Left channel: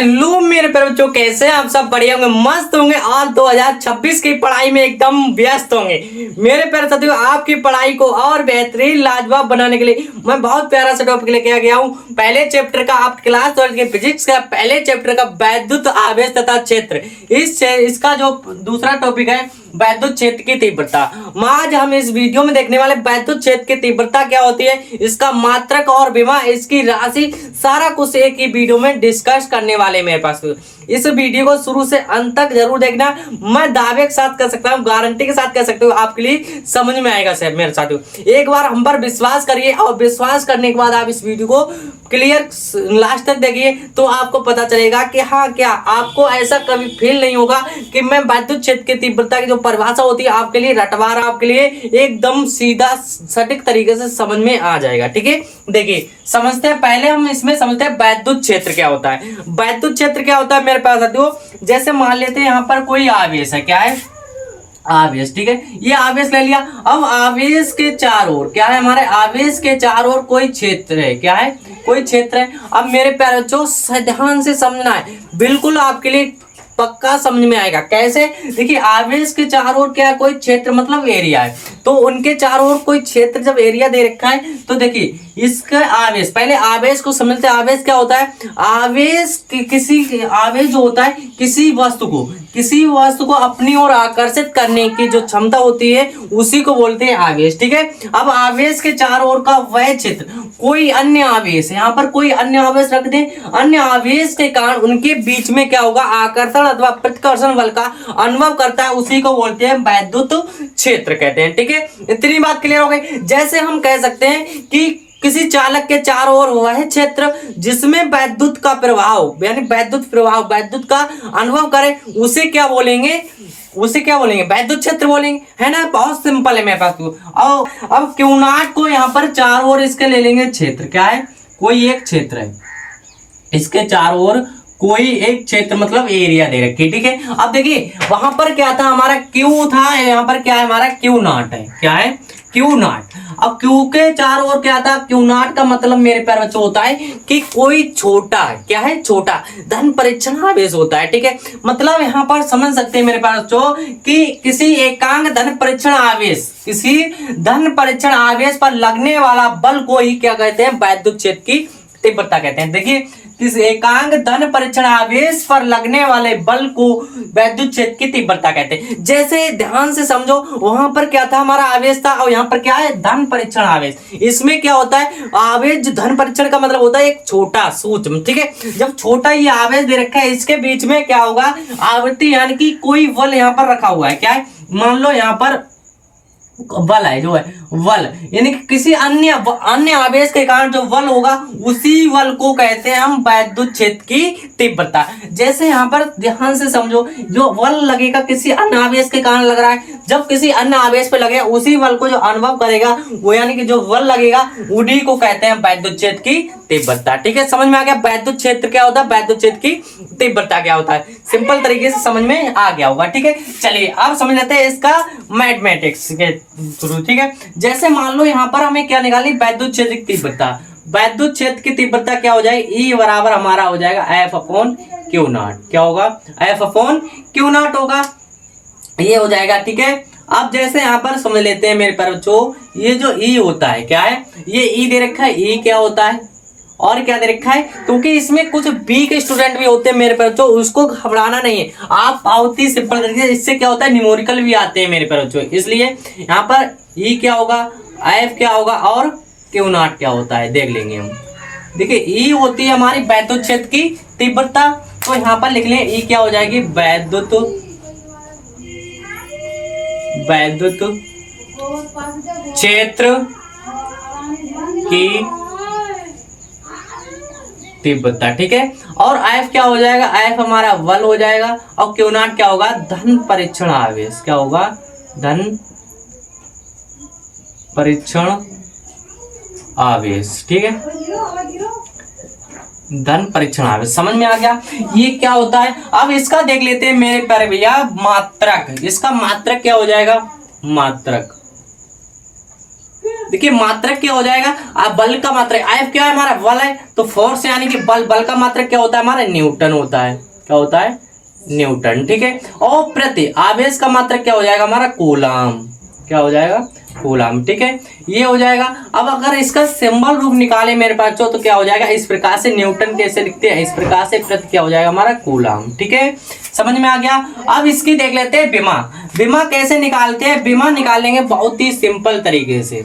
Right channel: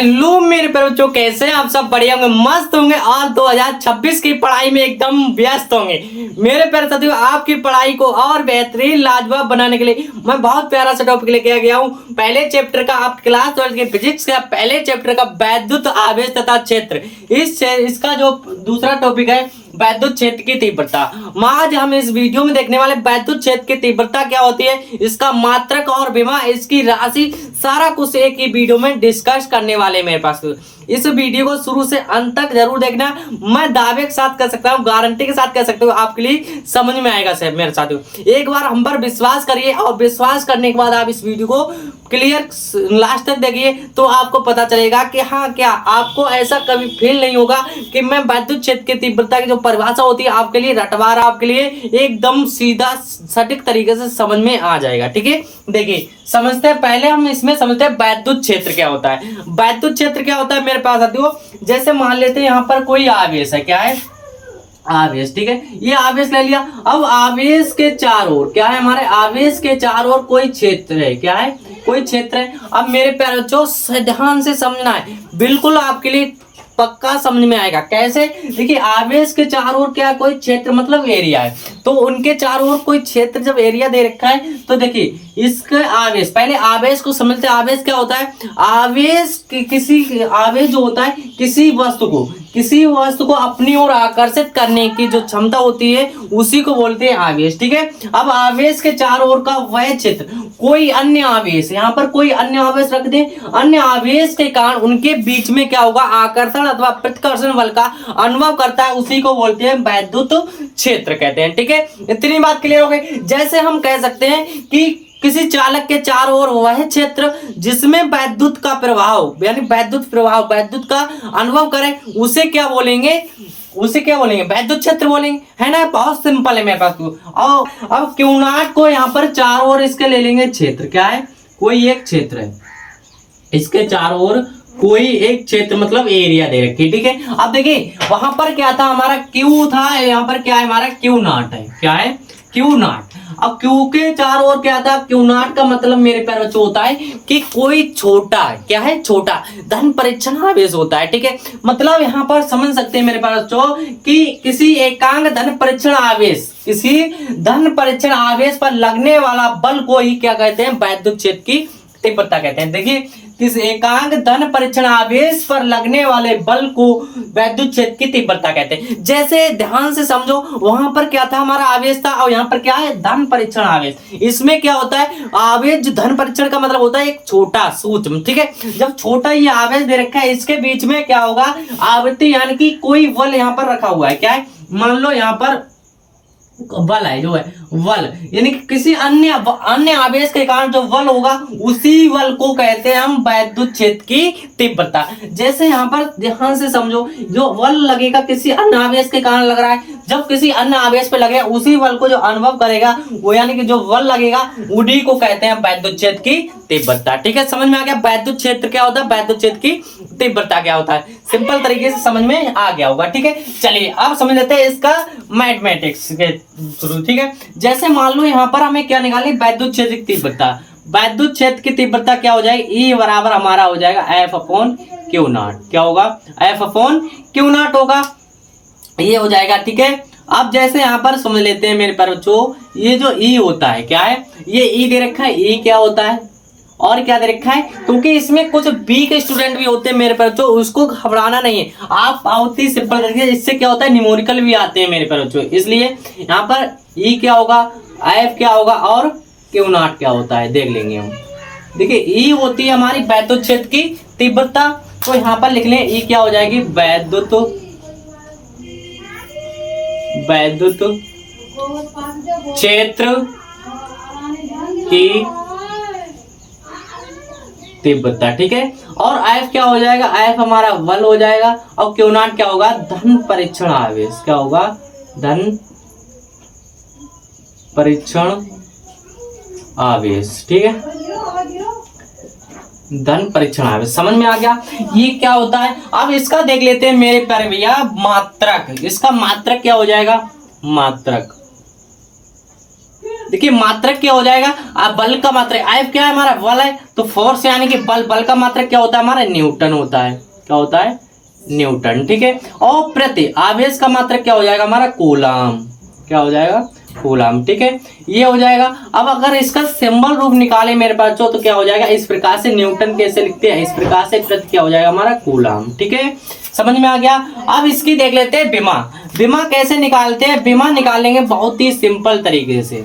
Hello मेरे प्यारे बच्चों, कैसे हैं आप सब? बढ़िया होंगे, मस्त होंगे और 2026 की पढ़ाई में एकदम व्यस्त होंगे। मेरे प्यारे साथियों, आपकी पढ़ाई को और बेहतरीन लाजवाब बनाने के लिए मैं बहुत प्यारा सा टॉपिक लेके आ गया हूँ। पहले चैप्टर का, आप क्लास 12 के फिजिक्स का पहले चैप्टर का वैद्युत आवेश तथा क्षेत्र, इसका जो दूसरा टॉपिक है वैद्युत क्षेत्र की तीव्रता। आज हम इस वीडियो में देखने वाले वैद्युत क्षेत्र की तीव्रता क्या होती है, इसका मात्रक और विभव, इसकी राशि, सारा कुछ एक ही वीडियो में डिस्कस करने वाले मेरे पास। इस वीडियो को शुरू से अंत तक जरूर देखना। मैं दावे के साथ कह सकता हूँ, गारंटी के साथ कह सकता हूँ, आपके लिए समझ में आएगा सब मेरे साथियों। एक बार हम पर विश्वास करिए और विश्वास करने के बाद आप इस वीडियो को क्लियर लास्ट तक देखिए तो आपको पता चलेगा कि हाँ, क्या आपको ऐसा कभी फील नहीं होगा कि मैं वैद्युत क्षेत्र की तीव्रता की जो परिभाषा होती है आपके लिए रटवा रहा, आपके लिए एकदम सीधा सटीक तरीके से समझ में आ जाएगा। ठीक है, देखिए समझते हैं। पहले हम इसमें समझते हैं वैद्युत क्षेत्र क्या होता है। वैद्युत क्षेत्र क्या होता है मेरे पास साथियों, जैसे मान लेते हैं यहाँ पर कोई आवेश है, क्या है, आवेश। ठीक है, ये आवेश ले लिया। अब आवेश के चारों ओर क्या है, हमारे आवेश के चारों ओर कोई क्षेत्र है, क्या है, कोई क्षेत्र है। अब मेरे प्यारे बच्चों ध्यान से समझना है, बिल्कुल आपके लिए पक्का समझ में आएगा। कैसे, देखिए आवेश के चारों ओर क्या, कोई क्षेत्र मतलब एरिया है, तो उनके चारों ओर कोई क्षेत्र जब एरिया दे रखा है तो देखिए इसका आवेश, पहले आवेश को समझते हैं। आवेश क्या होता है, आवेश किसी आवेश जो होता है किसी वस्तु को अपनी ओर आकर्षित करने की जो क्षमता होती है उसी को बोलते हैं आवेश। ठीक है, अब आवेश के चारों ओर का वह क्षेत्र, कोई अन्य आवेश, यहाँ पर कोई अन्य आवेश रख दे, अन्य आवेश के कारण उनके बीच में क्या होगा, आकर्षण अथवा प्रतिकर्षण बल का अनुभव करता है, उसी को बोलते हैं वैद्युत क्षेत्र कहते हैं। ठीक है, इतनी बात क्लियर हो गई। जैसे हम कह सकते हैं कि किसी चालक के चारों ओर वह क्षेत्र जिसमें वैद्युत का प्रभाव, यानी वैद्युत का अनुभव करे, उसे क्या बोलेंगे, वैद्युत क्षेत्र बोलेंगे, है ना। बहुत सिंपल है मेरे पास तो। अब क्यू नॉट को यहाँ पर चारों ओर इसके ले लेंगे क्षेत्र, क्या है, कोई एक क्षेत्र है, इसके चारों ओर कोई एक क्षेत्र मतलब एरिया दे रखी। ठीक है, अब देखिए वहां पर क्या था, हमारा क्यू था, यहाँ पर क्या है, हमारा क्यू नॉट है, क्या है, क्यू नॉट। अब क्यू के चारों ओर क्या था, क्यू नॉट का मतलब मेरे प्यारे बच्चों होता है कि कोई छोटा, क्या है, छोटा धन परीक्षण आवेश होता है। ठीक है, मतलब यहाँ पर समझ सकते हैं मेरे प्यारे बच्चों कि किसी एकांक धन परीक्षण आवेश पर लगने वाला बल को ही क्या कहते हैं, वैद्युत क्षेत्र की तीव्रता कहते हैं। देखिए किस एकांक धन परीक्षण आवेश पर लगने वाले बल को वैद्युत क्षेत्र की तीव्रता कहते हैं। जैसे ध्यान से समझो, वहां पर क्या था, हमारा आवेश था, और यहाँ पर क्या है, धन परीक्षण आवेश। इसमें क्या होता है, आवेश धन परीक्षण का मतलब होता है एक छोटा सूक्ष्म। ठीक है, जब छोटा ये आवेश दे रखा है, इसके बीच में क्या होगा, आवृत्ति यानी कि कोई बल यहाँ पर रखा हुआ है, क्या है, मान लो यहाँ पर बल है, जो है बल, यानी कि किसी अन्य आवेश के कारण जो बल होगा उसी बल को कहते हैं हम वैद्युत क्षेत्र की तीव्रता। जैसे यहाँ पर ध्यान से समझो, जो बल लगेगा किसी अन्य आवेश के कारण लग रहा है, जब किसी अन्य आवेश पे लगे उसी बल को जो अनुभव करेगा वो, यानी कि जो बल लगेगा उन्हीं को कहते हैं वैद्युत क्षेत्र की तीव्रता। ठीक है, समझ में आ गया वैद्युत क्षेत्र क्या होता है, वैद्युत क्षेत्र की तीव्रता क्या होता है, सिंपल तरीके से समझ में आ गया होगा। ठीक है, चलिए अब समझ लेते हैं इसका मैथमेटिक्स के थ्रू। ठीक है, जैसे मान लो यहाँ पर हमें क्या निकाली, वैद्युत क्षेत्र की तीव्रता। वैद्युत क्षेत्र की तीव्रता क्या हो जाएगी, E बराबर हमारा हो जाएगा F अपॉन क्यू नॉट। क्या होगा, F अपॉन क्यू नॉट होगा, ये हो जाएगा। ठीक है, अब जैसे यहाँ पर समझ लेते हैं मेरे प्यारे बच्चों, ये जो E होता है, क्या है, ये E दे रखा है, E क्या होता है और क्या दे रखा है, क्योंकि इसमें कुछ वीक स्टूडेंट भी होते हैं मेरे प्यारे बच्चों, उसको घबराना नहीं है, आप बहुत ही सिंपल तरीके से, इससे क्या होता है, न्यूमेरिकल भी आते हैं मेरे प्यारे बच्चों, इसलिए यहाँ पर E क्या होगा, F क्या होगा और क्यू नॉट क्या होता है देख लेंगे हम। देखिए E होती है हमारी वैद्युत क्षेत्र की तीव्रता, तो यहाँ पर लिख लें E क्या हो जाएगी, वैद्युत क्षेत्र की तीव्रता। ठीक है, और F क्या हो जाएगा, F हमारा बल हो जाएगा, और क्यू नॉट क्या होगा, धन परीक्षण आवेश। क्या होगा, धन परीक्षण आवेश। ठीक है, धन परीक्षण आवेश समझ में आ गया, ये क्या होता है। अब इसका देख लेते हैं मेरे प्यारे भैया मात्रक। इसका मात्रक क्या हो जाएगा, मात्रक देखिए मात्रक क्या हो जाएगा, अब बल का मात्रक F क्या है हमारा, बल है, तो फोर्स यानी कि बल का मात्रक क्या होता है हमारा, न्यूटन होता है। क्या होता है, न्यूटन। ठीक है, और प्रति आवेश का मात्रक क्या हो जाएगा हमारा, कूलम। क्या हो जाएगा, कूलम। ठीक है, ये हो जाएगा। अब अगर इसका सिंबल रूप निकाले मेरे पास तो क्या हो जाएगा, इस प्रकार से न्यूटन कैसे लिखते हैं, इस प्रकार से प्रति क्या हो जाएगा हमारा, कूलम। ठीक है, समझ में आ गया। अब इसकी देख लेते हैं विमा। विमा कैसे निकालते हैं, विमा निकालेंगे बहुत ही सिंपल तरीके से।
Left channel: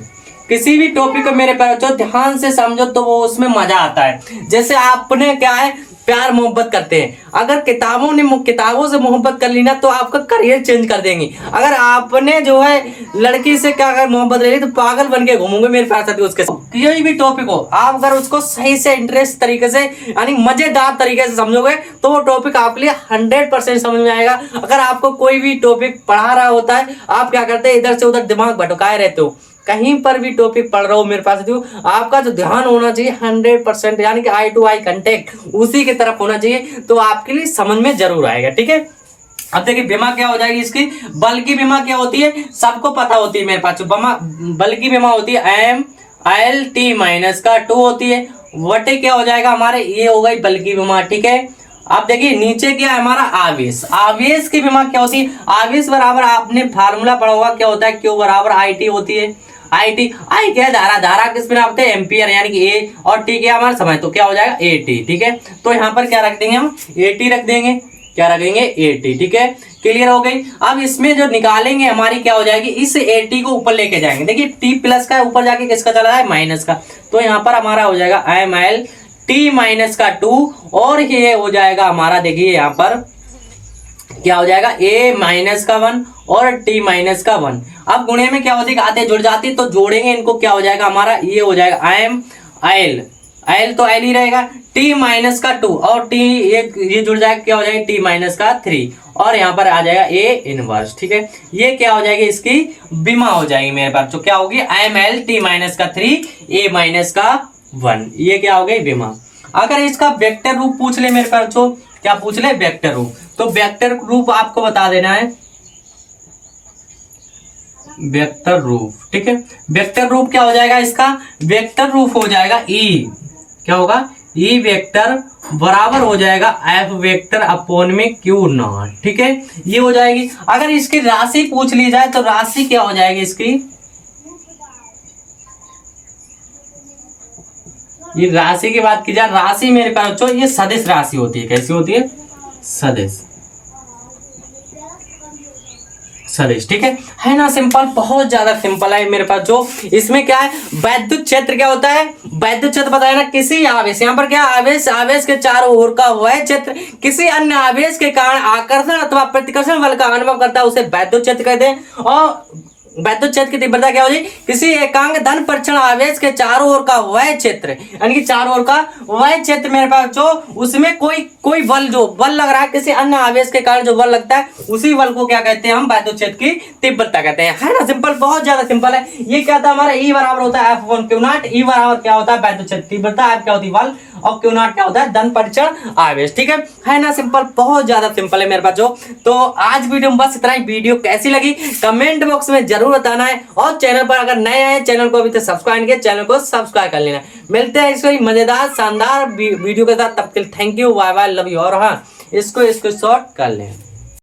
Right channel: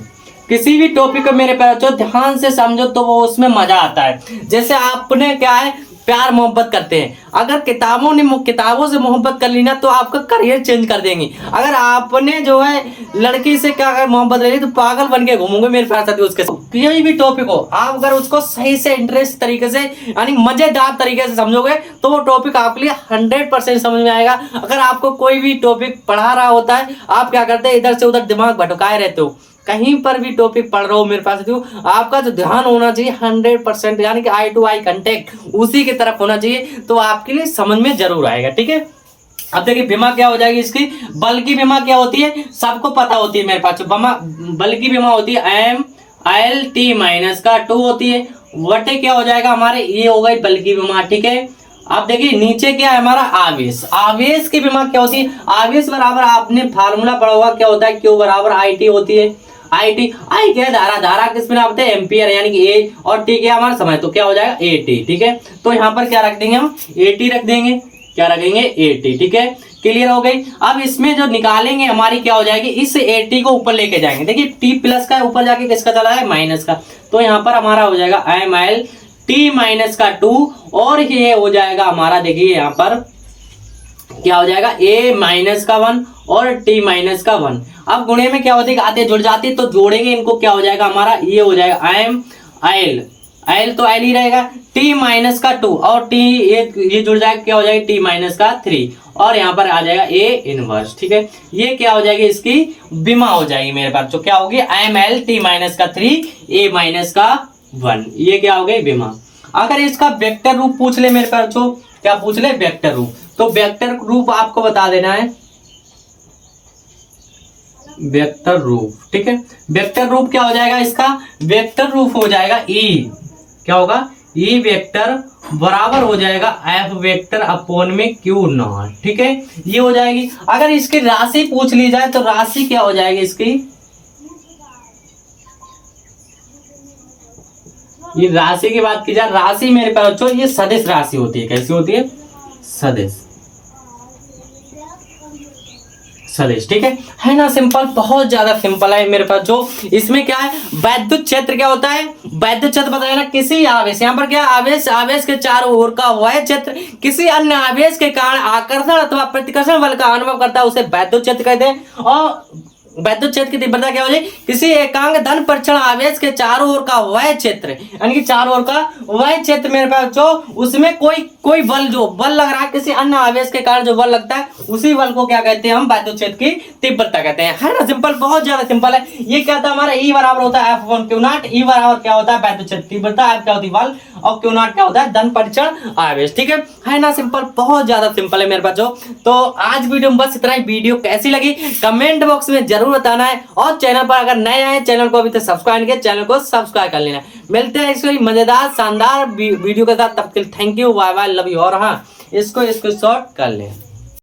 किसी भी टॉपिक को मेरे पास ध्यान से समझो तो वो उसमें मजा आता है। जैसे आपने क्या है, प्यार मोहब्बत करते हैं, अगर किताबों से मोहब्बत कर ली ना तो आपका करियर चेंज कर देंगी। अगर आपने जो है लड़की से क्या अगर मोहब्बत ले ली तो पागल बन के घूमोगे मेरे पास उसके साथ। कोई भी टॉपिक हो, आप अगर उसको सही से इंटरेस्ट तरीके से यानी मजेदार तरीके से समझोगे तो वो टॉपिक आपके लिए 100% समझ में आएगा। अगर आपको कोई भी टॉपिक पढ़ा रहा होता है, आप क्या करते हैं, इधर से उधर दिमाग भटकाए रहते हो, कहीं पर भी टॉपिक पढ़ रहा हो मेरे पास तो आपका जो ध्यान होना चाहिए 100% यानी कि आई टू आई कांटेक्ट उसी की तरफ होना चाहिए, तो आपके लिए समझ में जरूर आएगा। ठीक है, अब देखिए विमा क्या हो जाएगी इसकी, बल की विमा क्या होती है, सबको पता होती है मेरे पास, बल की विमा होती है M/L - का 2 होती है, वटे क्या हो जाएगा हमारे, ये हो गई बल की विमा। ठीक है, आप देखिए नीचे क्या है हमारा, आवेश। आवेश की विमा क्या होती है, आवेश बराबर आपने फार्मूला पढ़ा होगा, क्या होता है, Q बराबर IT होती है। आई क्या है, धारा किस में नापते हैं, एम्पियर यानी कि ए, और टी क्या हमारा समय, तो क्या हो जाएगा AT। ठीक है, तो यहाँ पर क्या रख देंगे हम, AT रख देंगे, क्या रखेंगे, AT। ठीक है, क्लियर हो गई। अब इसमें जो निकालेंगे हमारी क्या हो जाएगी, इस AT को ऊपर लेके जाएंगे। देखिए T प्लस का ऊपर जाके किसका चला है, माइनस का, तो यहाँ पर हमारा हो जाएगा ML T - 2 और ये हो जाएगा हमारा, देखिए यहाँ पर क्या हो जाएगा, A-1 और T-1। अब गुणे में क्या होती है, आते जुड़ जाती है तो जोड़ेंगे इनको, क्या हो जाएगा हमारा, ये हो जाएगा L तो L ही रहेगा, T-2 और T ये जुड़ जाएगा, क्या हो जाएगा T-3 और यहाँ पर आ जाएगा A इनवर्स। ठीक है, ये क्या हो जाएगी, इसकी विमा हो जाएगी मेरे पास, तो क्या होगी, ML T-3 A-1, ये क्या हो गई विमा। अगर इसका वेक्टर रूप पूछ ले मेरे पास, तो क्या पूछ ले, वेक्टर रूप, तो वेक्टर रूप आपको बता देना है, वेक्टर रूप। ठीक है, वेक्टर रूप क्या हो जाएगा इसका, वेक्टर रूप हो जाएगा E, क्या होगा, E वेक्टर बराबर हो जाएगा F वेक्टर अपॉन में Q0। ठीक है, ये हो जाएगी। अगर इसकी राशि पूछ ली जाए तो राशि क्या हो जाएगी इसकी, ये राशि की बात की जाए, राशि मेरे पास बच्चों ये सदिश राशि होती है। कैसी होती है, सदिश। ठीक है ना, सिंपल, बहुत ज्यादा सिंपल है मेरे पास। जो इसमें क्या है, वैद्युत क्षेत्र क्या होता है, वैद्युत क्षेत्र बताया ना, किसी आवेश, यहाँ पर क्या आवेश के चारों ओर का वह क्षेत्र किसी अन्य आवेश के कारण आकर्षण अथवा प्रतिकर्षण बल का अनुभव करता है, उसे वैद्युत क्षेत्र कहते हैं। और वैद्युत क्षेत्र की तीव्रता क्या हो जाए, किसी एकांक धन परीक्षण आवेश के चारों ओर का वह क्षेत्र, यानी कि चारों ओर का वह क्षेत्र मेरे पास जो उसमें कोई बल, जो बल लग रहा है किसी अन्य आवेश के कारण जो बल लगता है, उसी बल को क्या कहते हैं हम, वैद्युत क्षेत्र की तीव्रता कहते हैं। है ना, सिंपल, बहुत ज्यादा सिंपल है। ये क्या था हमारा, E बराबर होता है F/Q0। E बराबर क्या होता है, वैद्युत क्षेत्र की तीव्रता, F क्या होती है बल, और Q0 क्या होता है धन परीक्षण आवेश। ठीक है ना, सिंपल, बहुत ज्यादा सिंपल है मेरे पास जो। तो आज वीडियो में बस इतना ही। वीडियो कैसी लगी कमेंट बॉक्स में जरूर बताना है, और चैनल पर अगर नए आए, चैनल को अभी तक सब्सक्राइब किया, चैनल को सब्सक्राइब कर लेना। मिलते हैं इसको मजेदार शानदार वीडियो के साथ, तब तक thank you, bye bye, love you. और हाँ, इसको शॉर्ट कर लें।